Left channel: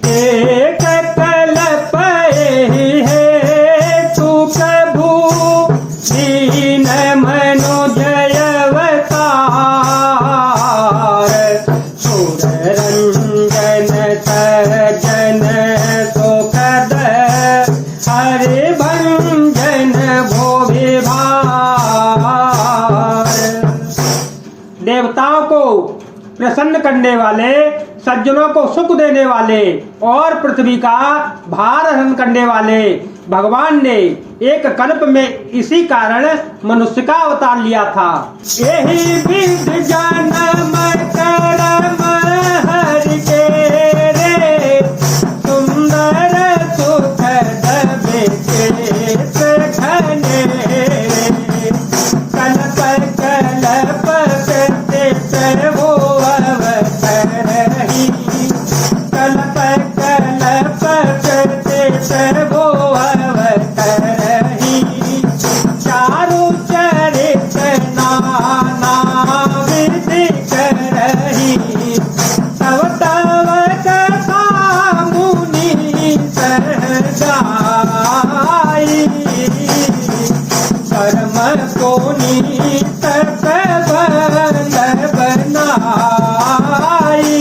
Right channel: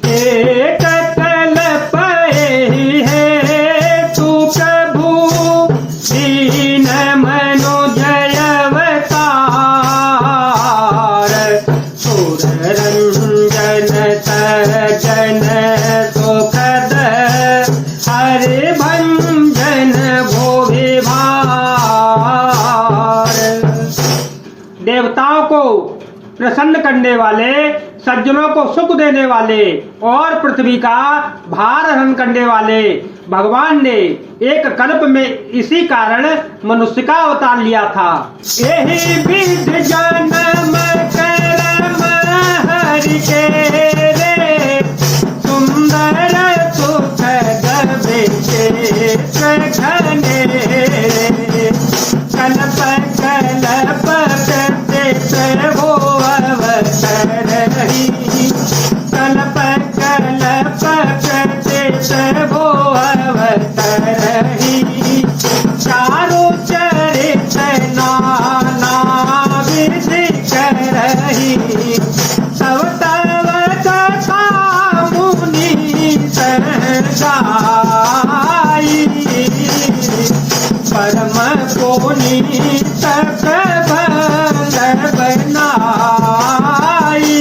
एक कल्प है तू प्रभु दीन मनुजय अवतार, सुर रंजन सज्जन सुखद हरि भंजन भो विभार। देवताओं को प्रसन्न करने वाले, सज्जनों को सुख देने वाले और पृथ्वी का भार हरण करने वाले भगवान ने एक कल्प में इसी कारण मनुष्य का अवतार लिया था। यही विध जन्म करम हरि के रे, सुंदर सुख गवे घने रे, कल्प कल्प करते प्रभु अवतरहि, कल्प कल्प करते प्रभु अवतरहि, चारु चरित नाना विधि करहि, तव तव कथा मुनि गाई, परम पुनीत प्रबंध बनाई,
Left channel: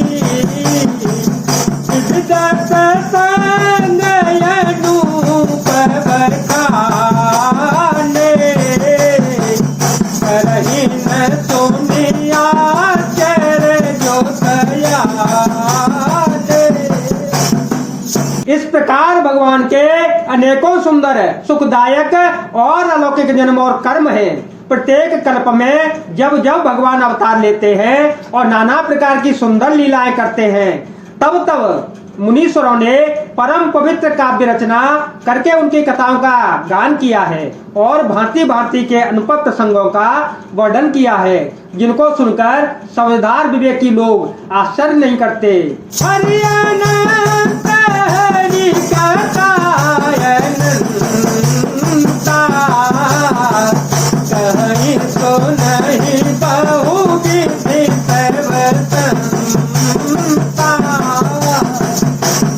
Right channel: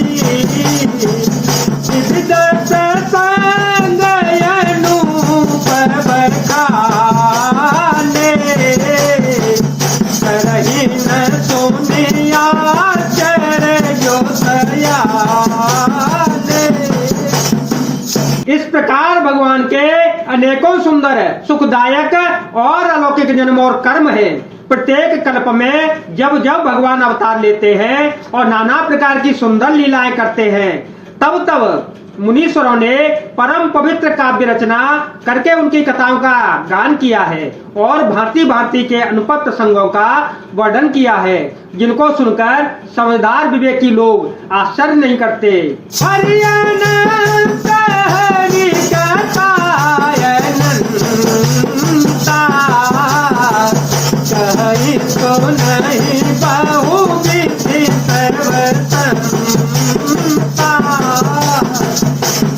सिद्धार्थ संग अनूप बखाने, करहि न सुनिया चरणों दयाले। इस प्रकार भगवान के अनेकों सुंदर, सुखदायक और अलौकिक जन्म और कर्म हैं। प्रत्येक कल्प में जब जब भगवान अवतार लेते हैं और नाना प्रकार की सुंदर लीलाएं करते हैं, तब तब मुनीश्वरों ने परम पवित्र काव्य रचना करके उनकी कथाओं का गान किया है और भांति भांति के अनुपम प्रसंगों का वर्णन किया है, जिनको सुनकर समझदार विवेकी लोग आश्चर्य नहीं करते।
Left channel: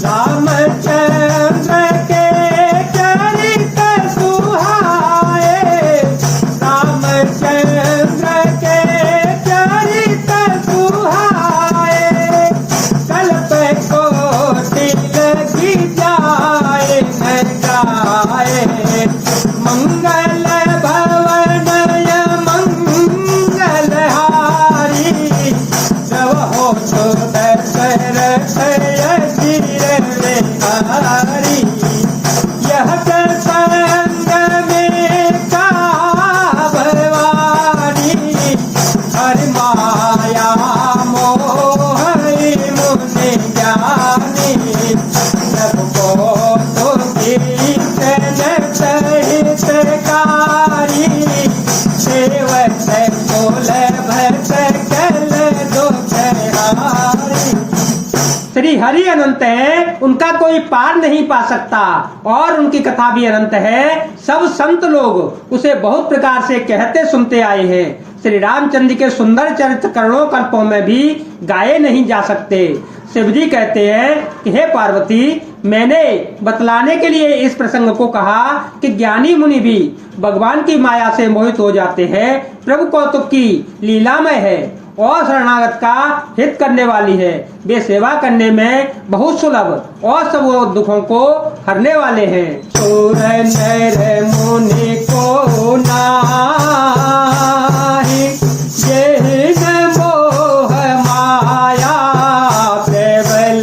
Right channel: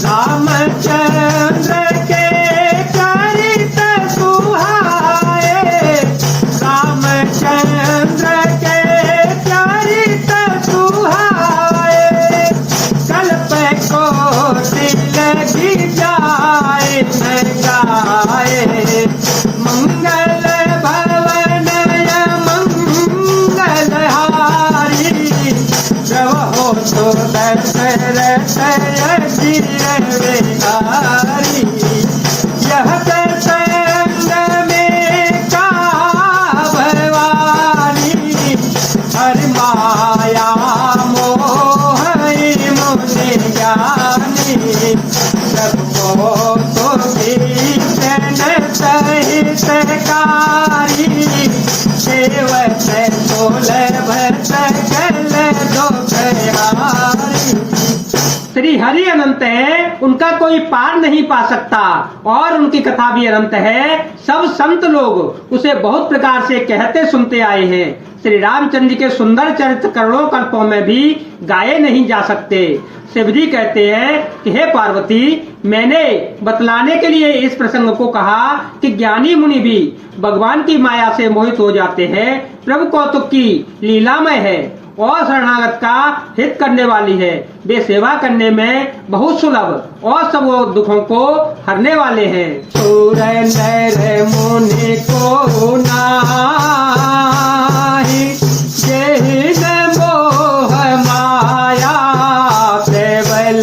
रामचंद्र के चरित सुहाए, रामचंद्र के चरित सुहाए, कल्प को लगी जाए न गाए, मंगल भवन मंगलहारी, प्रभो तो दशरथ यह प्रसंग में का भवानी, हरि माया मोह मुनि ज्ञानी, सबको तो भीषण सहित कारी, सेवक सुलभ सकल दुखहारी। श्री हरि अनंत है, उनका कोई पार नहीं पा सकता और उनकी कथा भी अनंत है। सब संत लोग उसे बहुत प्रकार से कहते सुनते आए हैं। श्री रामचंद्र के सुंदर चरित्र करोड़ों कल्पों में भी गाए नहीं जा सकते। शिव जी कहते हैं कि हे पार्वती, मैंने बतलाने के लिए इस प्रसंग को कहा कि ज्ञानी मुनि भी भगवान की माया से मोहित हो जाते हैं। प्रभु कौतुक की लीलामय है और शरणागत का हित करने वाली है। वे सेवा करने में बहुत सुलभ और सब दुखों को हरने वाले हैं। सुर नर मुनि को नाही, जेहि न मोह माया, केवल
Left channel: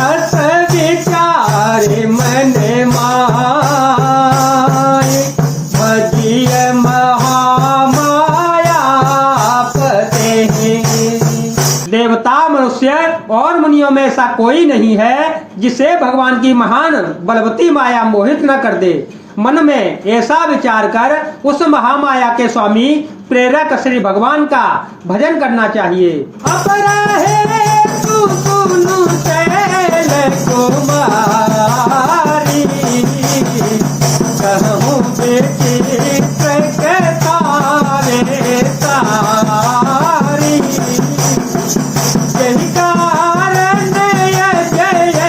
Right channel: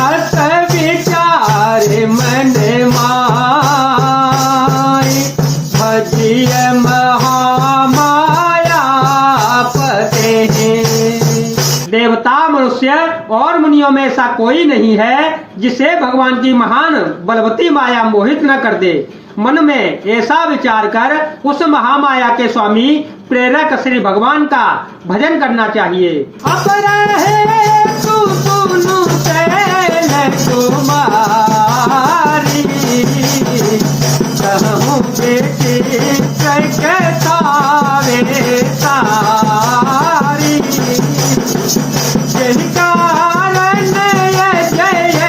अस विचार मन माय, भजिय महामाया पते। देवता, मनुष्य और मुनियों में ऐसा कोई नहीं है जिसे भगवान की महान बलवती माया मोहित न कर दे। मन में ऐसा विचार कर उस महामाया के स्वामी प्रेरक श्री भगवान का भजन करना चाहिए। अब रहे तू सुनु चैल कुमारी, कहूँ बेटी तारे तारी, कारण जय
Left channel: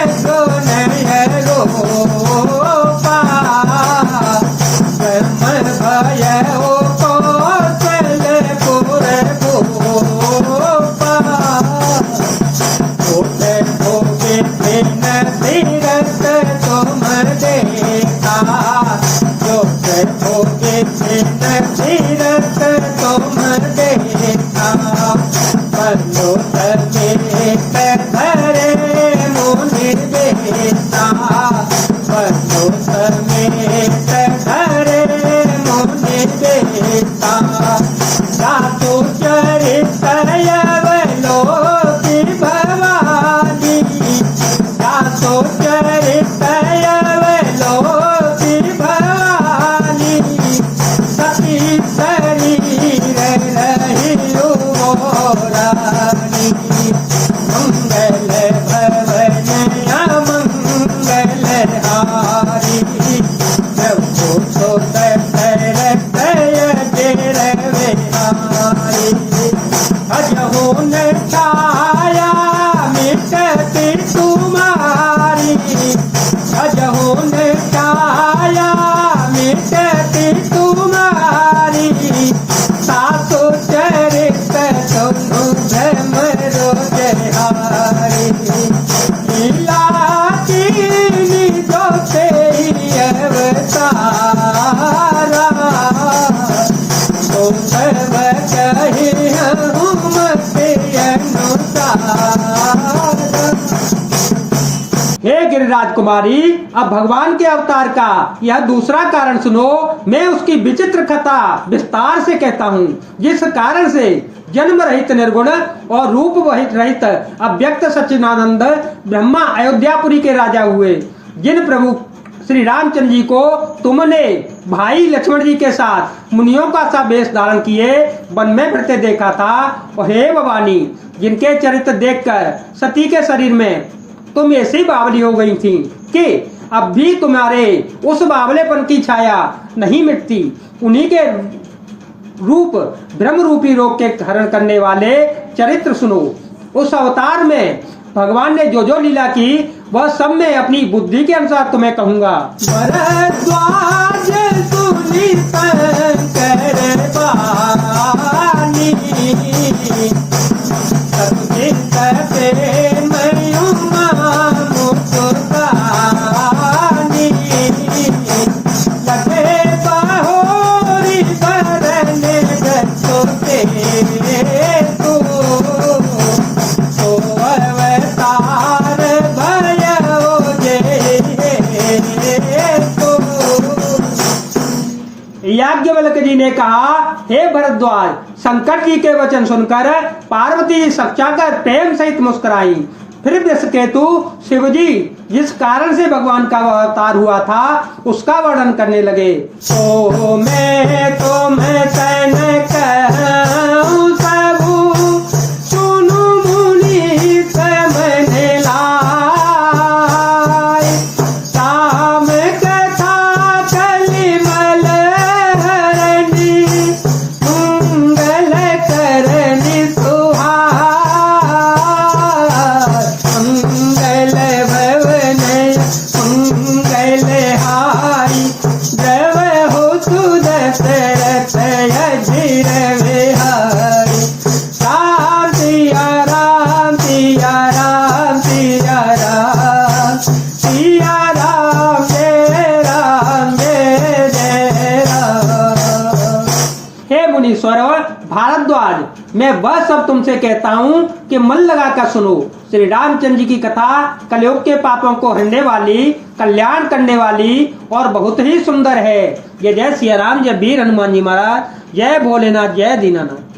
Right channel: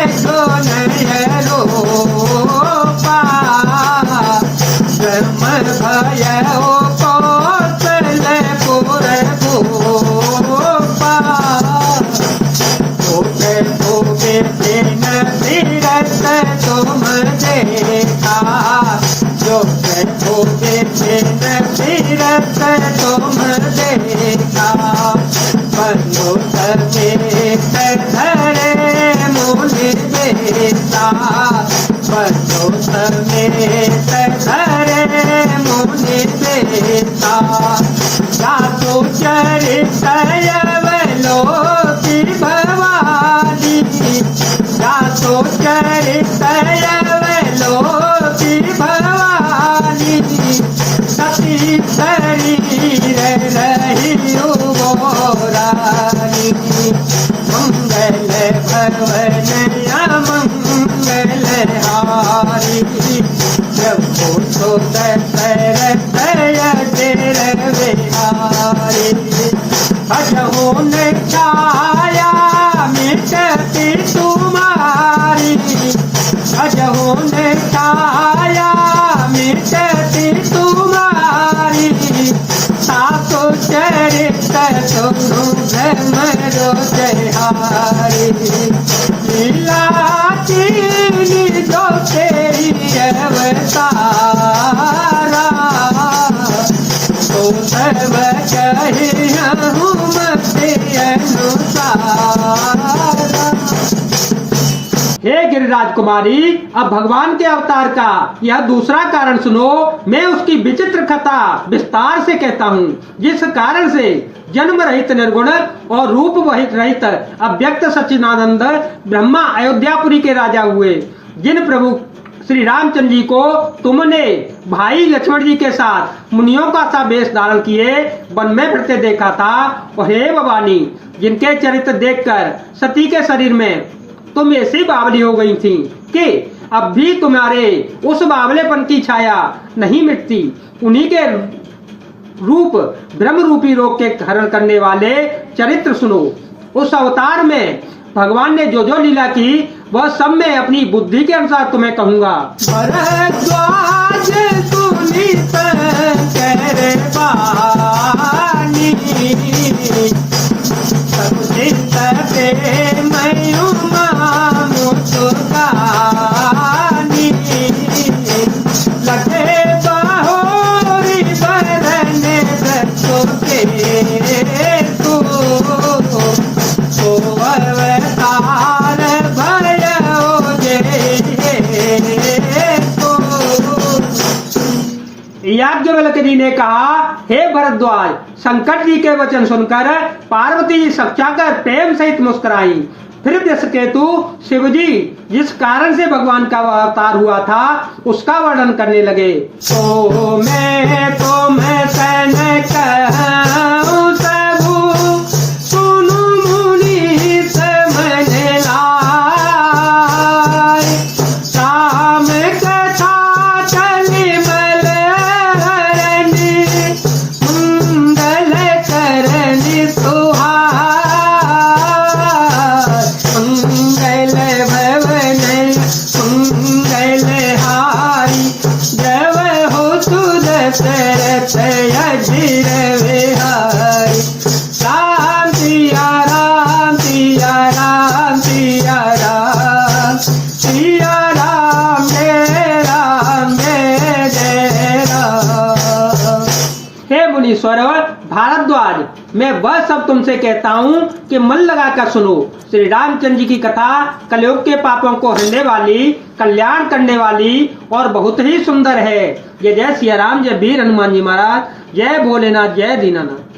हे गिरिराज कुमारी, अब भगवान के अवतार का यह दूसरा कारण सुनो। मैं उसकी विचित्र कथा विस्तार से कहता हूँ, जिस कारण से जन्म रहित निर्गुण और रूप रहित अव्यक्त सच्चिदानंद ब्रह्मा अयोध्यापुरी के राजा हुए। जिन प्रभु श्री रामचंद्र जी को तुमने भाई लक्ष्मण जी के साथ मुनियों का सा वेश धारण किए वन में फिरते देखा था, और हे भवानी, जिनके चरित्र देखकर सती के शरीर में तुम ऐसी बावली हो गई थी कि अब भी तुम्हारे उस बावलेपन की छाया नहीं मिटती। उन्हीं के रूप ब्रह्म रूपी रोग के हरण करने वाले चरित्र सुनो। उस अवतार में भगवान ने जो जो लीला की वह सब मैं अपनी बुद्धि के अनुसार तुम्हें कहूंगा। भरद्वाज सुनीत करवानी, सबसे प्रेम मुस्कानी, लगे बाहोरी बरन रखोगे तो अवतार भयो जे तो। याज्ञवल्क्य जी ने कहा, हे भरद्वाज, शंकर जी के वचन सुनकर पार्वती जी सकचाकर प्रेम सहित मुस्कुराई। फिर दशकेतु शिव जी जिस कारण से भगवान का अवतार हुआ था उसका वर्णन करने लगे। तो मैं तैन कहूं सबू, सुनु मुनि समझ लाए, राम कथा कलिमल हरणी, मंगल करनी सुहार, मंगल भवन मंगल हारी, जब हो सुदशरथ अजिर विहारी। राम सिया राम सिया राम सिया राम, सिया राम जय राम। हे मुनीश्वर भारद्वाज, मैं वह सब तुमसे कहता हूँ कि मन लगाकर सुनो। श्री रामचंद्र जी की कथा कलयुग के पापों को हरने वाली, कल्याण करने वाली और बहुत ही सुंदर है। जय जय सिया राम, जय वीर हनुमान जी महाराज, जय भोलेनाथ, जय दीनानाथ।